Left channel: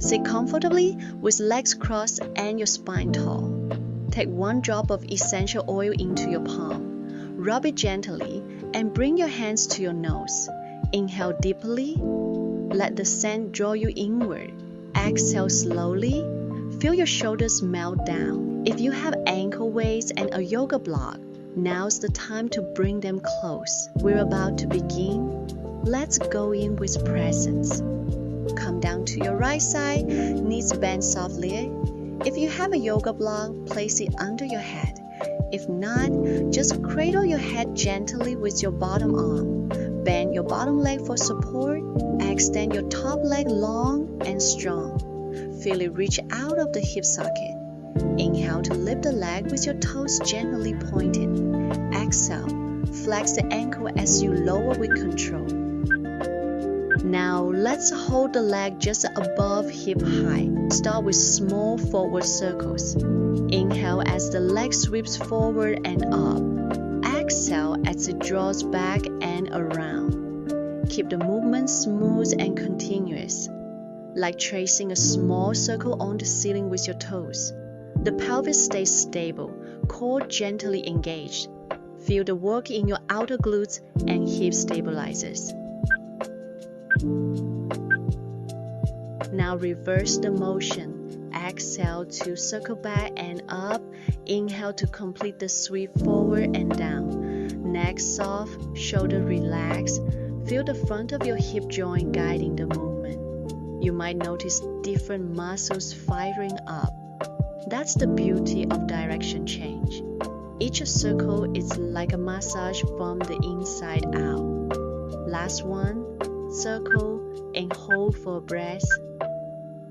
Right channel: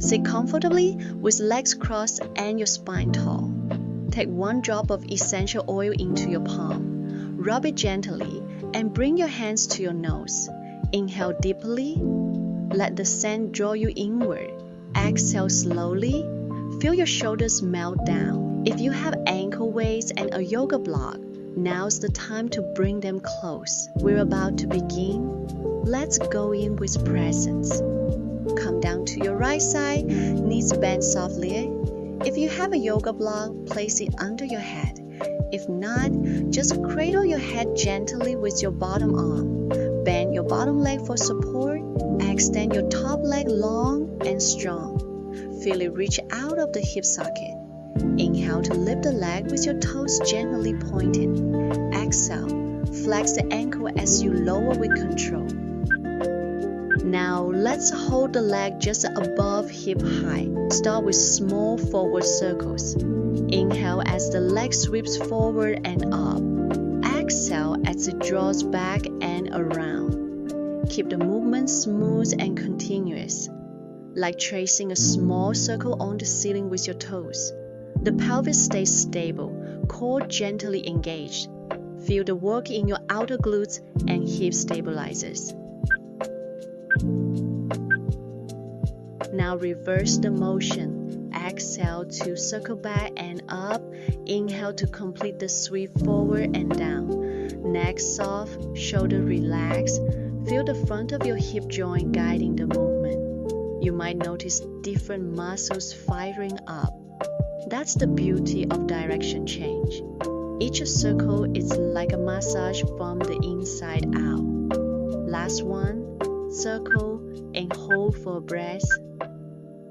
Sit comfortably with legs crossed and your spine tall. Take 1 drop of essential oil into your palm. Rub it gently and bring your hands to your nose. Inhale deeply. Let the scent draw you inward. Exhale slowly. Feel your shoulders melt down. If you have ankle weights and a yoga block, now's the time to bring them close. We're about to begin. Let's go in with presence. Come down to your right side, knees bend softly. If you have a yoga block, place it under your head. If not, just cradle your head gently with your bottom arm. Bend your bottom leg for support. Extend your top leg long and strong. Feel it reach out of the hip socket. Inhale to lift the leg with your toes gently pointed. Exhale, flex the ankle as you lower with control. Now let's hold the leg just above hip height. Start with small forward circles. Inhale as the leg sweeps forward and up. Exhale as it draws back and around. Keep the movement smooth and continuous, like tracing a small circle on the ceiling with your toes. The pelvis stays stable, core gently engaged. Feel the work in your outer glutes and hip stabilizers. Now reverse the motion. Exhale to circle back and up. Inhale to complete the sweep forward and down. Neck soft, shoulder relaxed. Feel the front of your hip joint guiding the movement. You might notice different muscles firing up. That's the beauty of direction change. Each circle is like a massage from the inside out. Last one, circle and hold for a breath.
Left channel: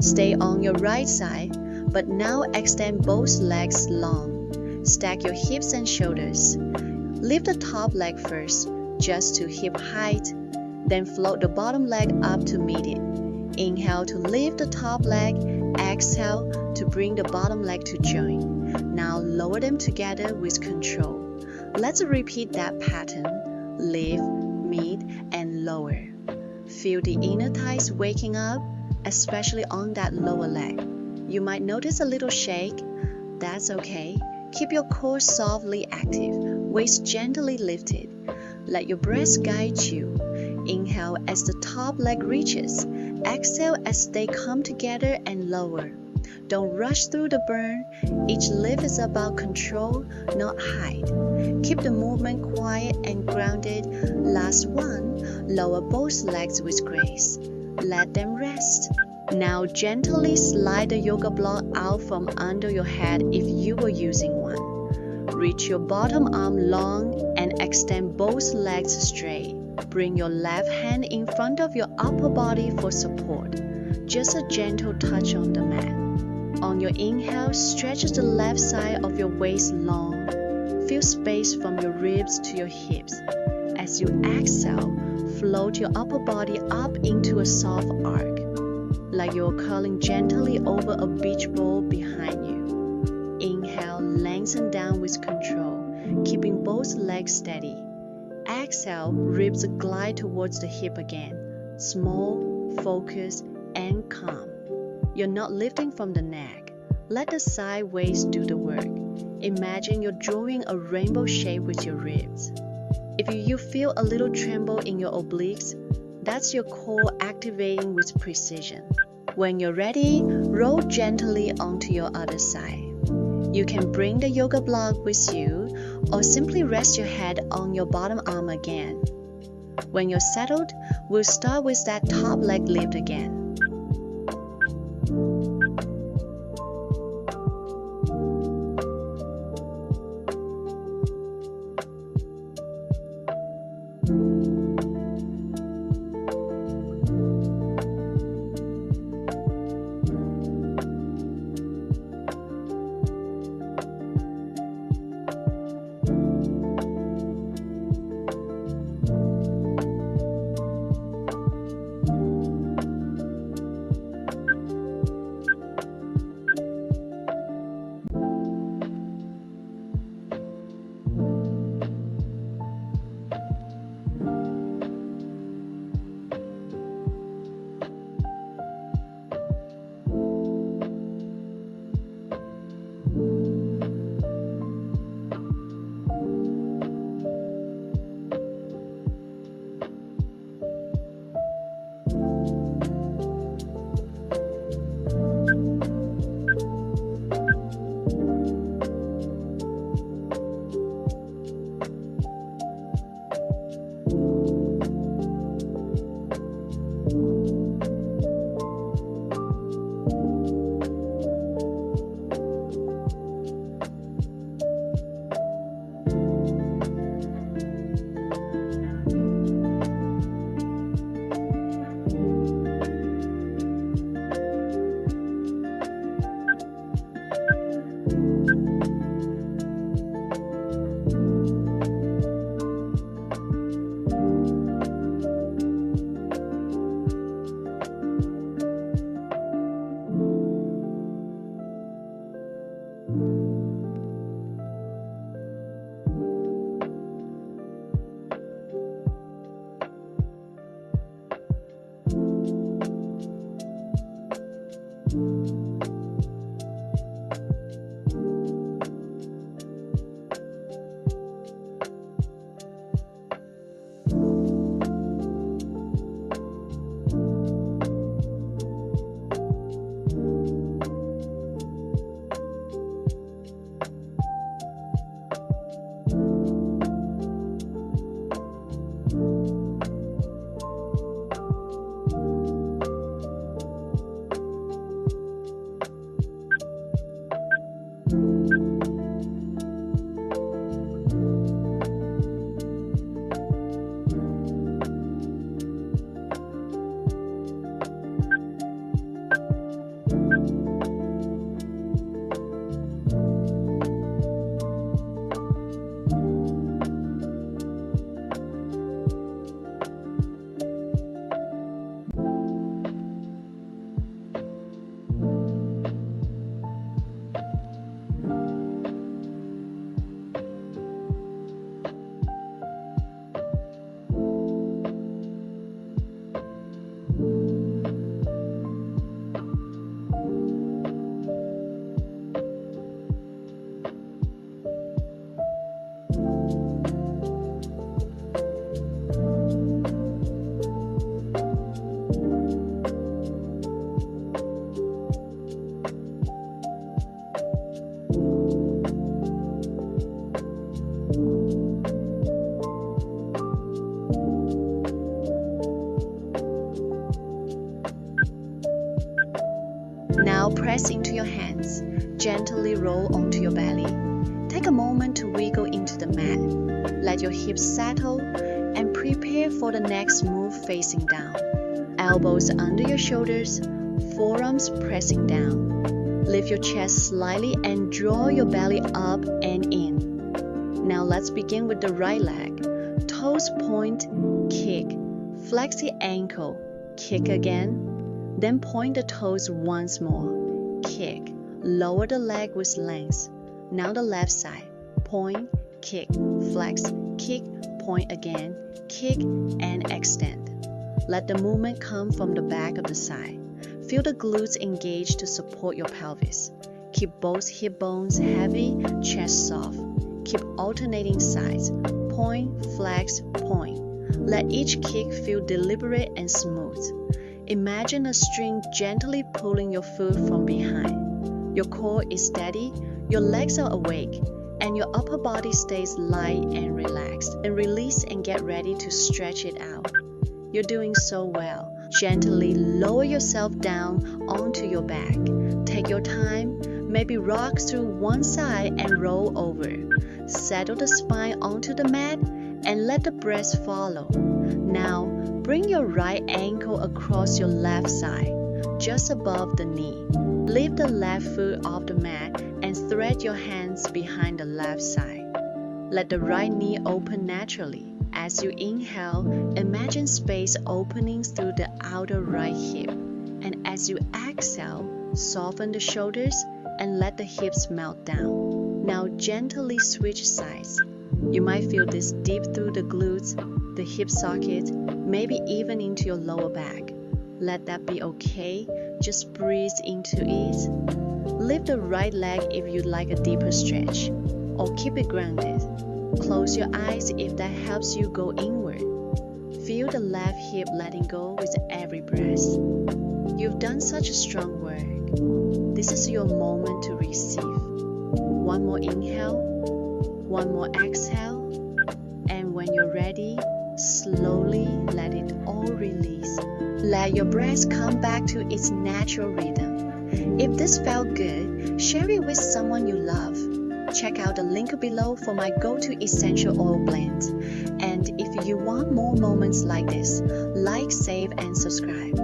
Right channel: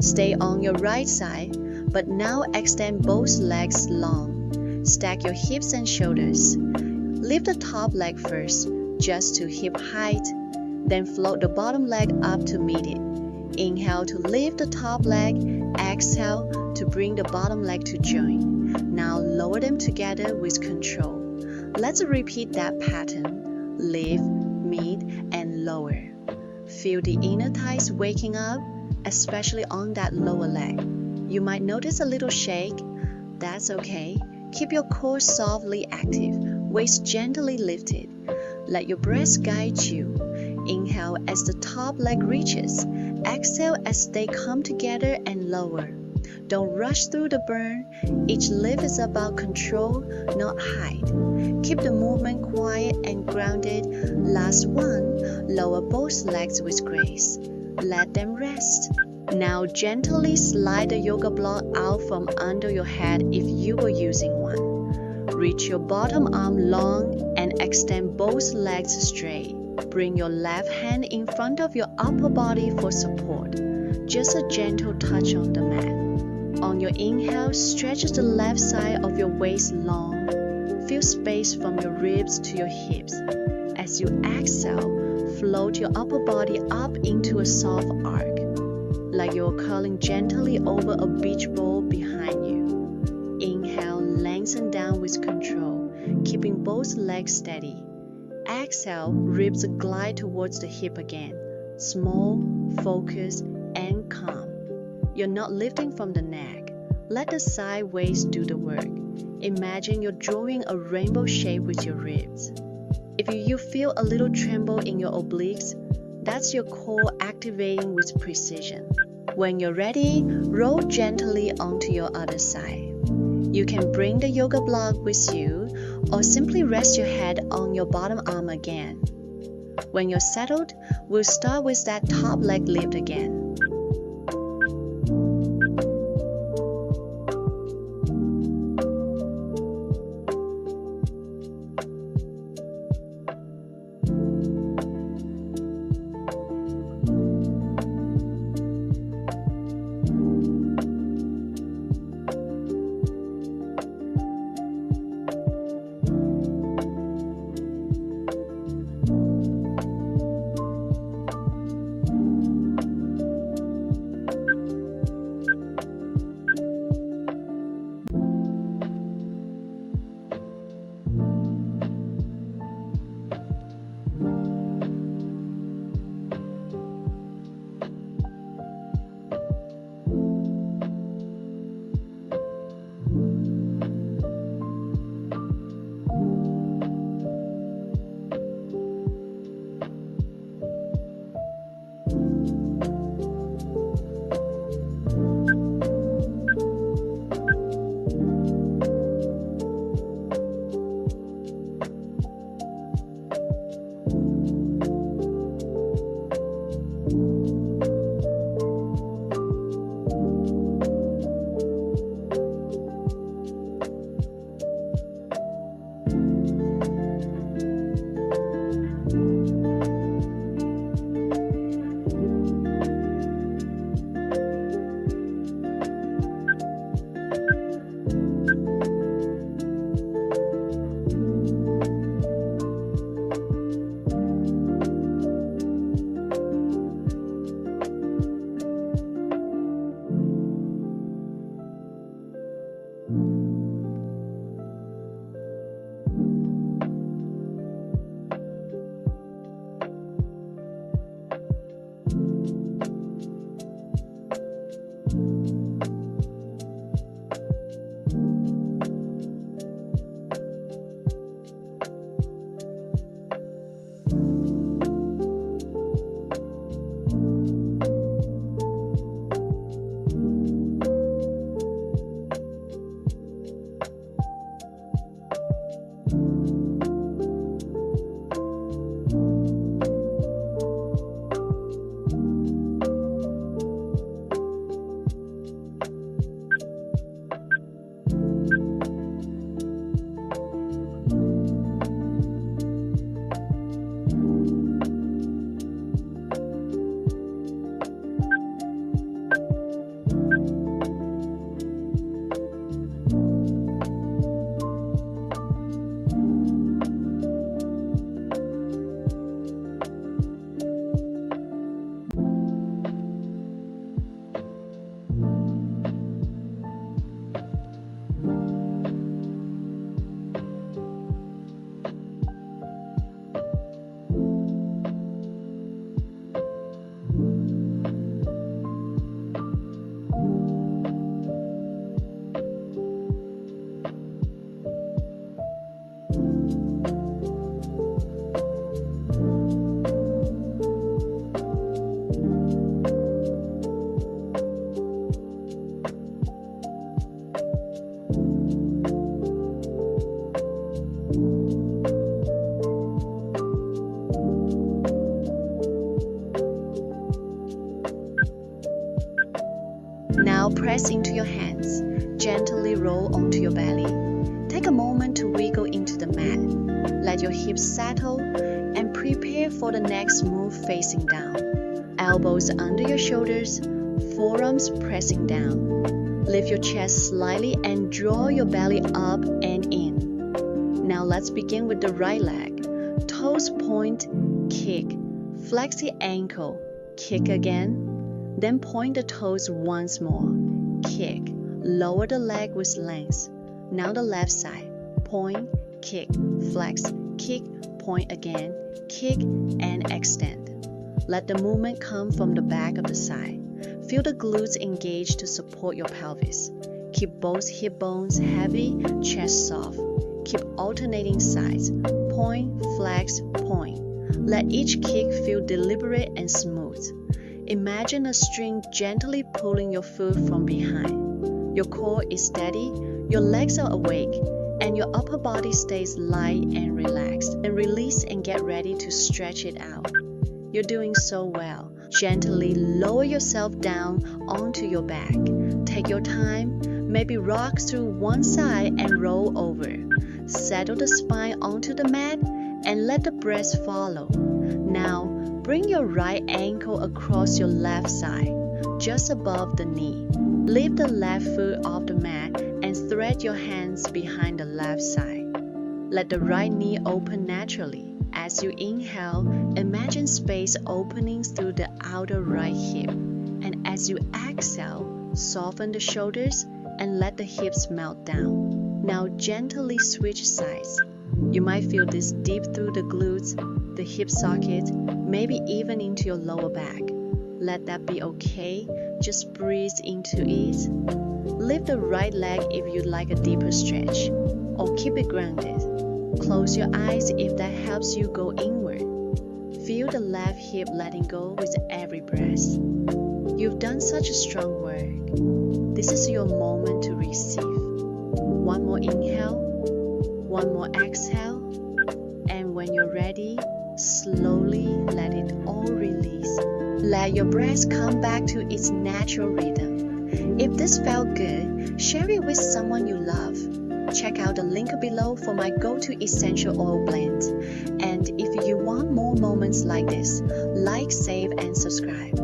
Stay on your right side, but now extend both legs long. Stack your hips and shoulders. Lift the top leg first, just to hip height. Then float the bottom leg up to meet it. Inhale to lift the top leg. Exhale to bring the bottom leg to join. Now lower them together with control. Let's repeat that pattern. Lift, meet, and lower. Feel the inner thighs waking up, especially on that lower leg. You might notice a little shake. That's okay. Keep your core softly active, waist gently lifted. Let your breath guide you. Inhale as the top leg reaches. Exhale as they come together and lower. Don't rush through the burn. Each lift is about control, not height. Keep the movement quiet and grounded. Last one, lower both legs with grace. Let them rest. Now gently slide the yoga block out from under your head if you were using one. Reach your bottom arm long and extend both legs straight. Bring your left hand in front of your upper body for support. Just a gentle touch on the mat. On your inhale, stretch the left side of your waist long. Feel space from your ribs to your hips. As you exhale, float your upper body up into a soft arc, like you're curling gently over a beach ball behind you. Inhale, lengthen down with control, keeping both legs steady. Exhale, ribs glide towards the hip again. Small, focused, and calm. You're not lifting from the neck. Let the side waist do the work. Imagine you're drawing a rainbow shape with your ribs. If you feel a little tremble in your obliques, that's your core activating with precision. When you're ready, roll gently onto your other side. You can bring the yoga block with you or simply rest your head on your bottom arm again. When you're settled, we'll start with that top leg lift again. Now press into your hands. Gently roll onto your belly. Take a moment to wiggle into the mat. Let your hips settle and prepare for the next move facing down. Elbows under your shoulders, forearms pressing down. Lift your chest slightly and draw your belly up and in. Now let's begin with the right leg. Toes point, kick. Flex the ankle, kick again. Then point the toes once more, kick. Lower the leg with length. Now the left side. Point, kick, flex, kick, point again, kick, and extend. Let the movement come from the back of the side. Feel the glutes engage to support your pelvis. Keep both hip bones heavy, chest soft. Keep alternating sides. Point, flex, point. Let each kick feel deliberate and smooth. Imagine a string gently pulling your foot from behind. Your core is steady, your legs are awake, and your upper body stays light and relaxed. Then release and get ready to stretch it out. You're doing so well. Gently lower yourself down onto your back. Take your time, maybe rock through one side and roll over. Settle the spine onto the mat and let the breath follow. Now, bring your right ankle across your left side, just above the knee. Lift the left foot off the mat and thread your hands behind the left side. Let the right knee open naturally. As you inhale, imagine space opening through the outer right hip. And as you exhale, soften the shoulders and let the hips melt down. Now gently switch sides. You might feel this deep through the glutes, the hip socket, maybe even into your lower back. Let that be okay. Just breathe into it. Lift the right leg if you'd like a deeper stretch, or keep it grounded. Close your eyes if that helps you go inward. Feel the left hip letting go with every breath. You've done such a strong work. This is your moment to receive. One more inhale, one more exhale, and when you're ready, slowly let it all release. Let your breath come back to its natural rhythm. If this felt good, share it with someone you love. Check out the link below for my go-to essential oil blends. And if you want more moments like this, like, save, and subscribe.